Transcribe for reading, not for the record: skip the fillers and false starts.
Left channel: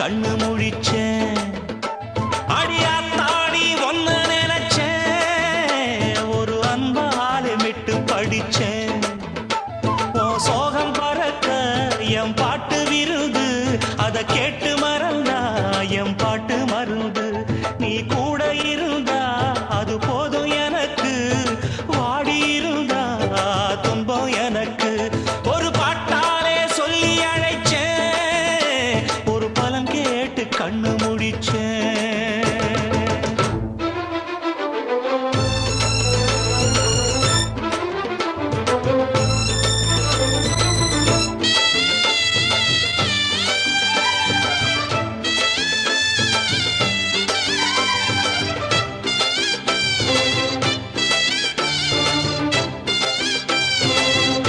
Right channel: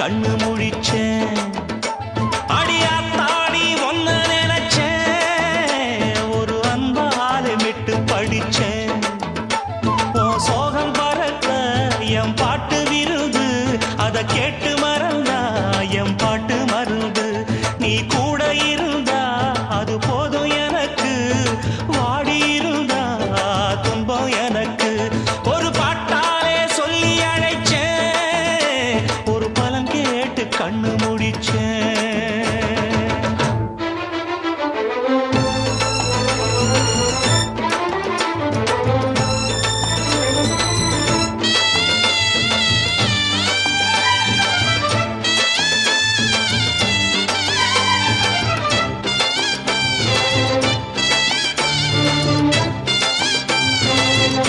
கண்ணு முழிச்சேன். அடியாத்தாடி ஒன்ன நினைச்சேன், ஒரு அன்பாலே விட்டு படிச்சேன். சோகம் பறக்க என் பாட்டு விருது, அதை கேட்டு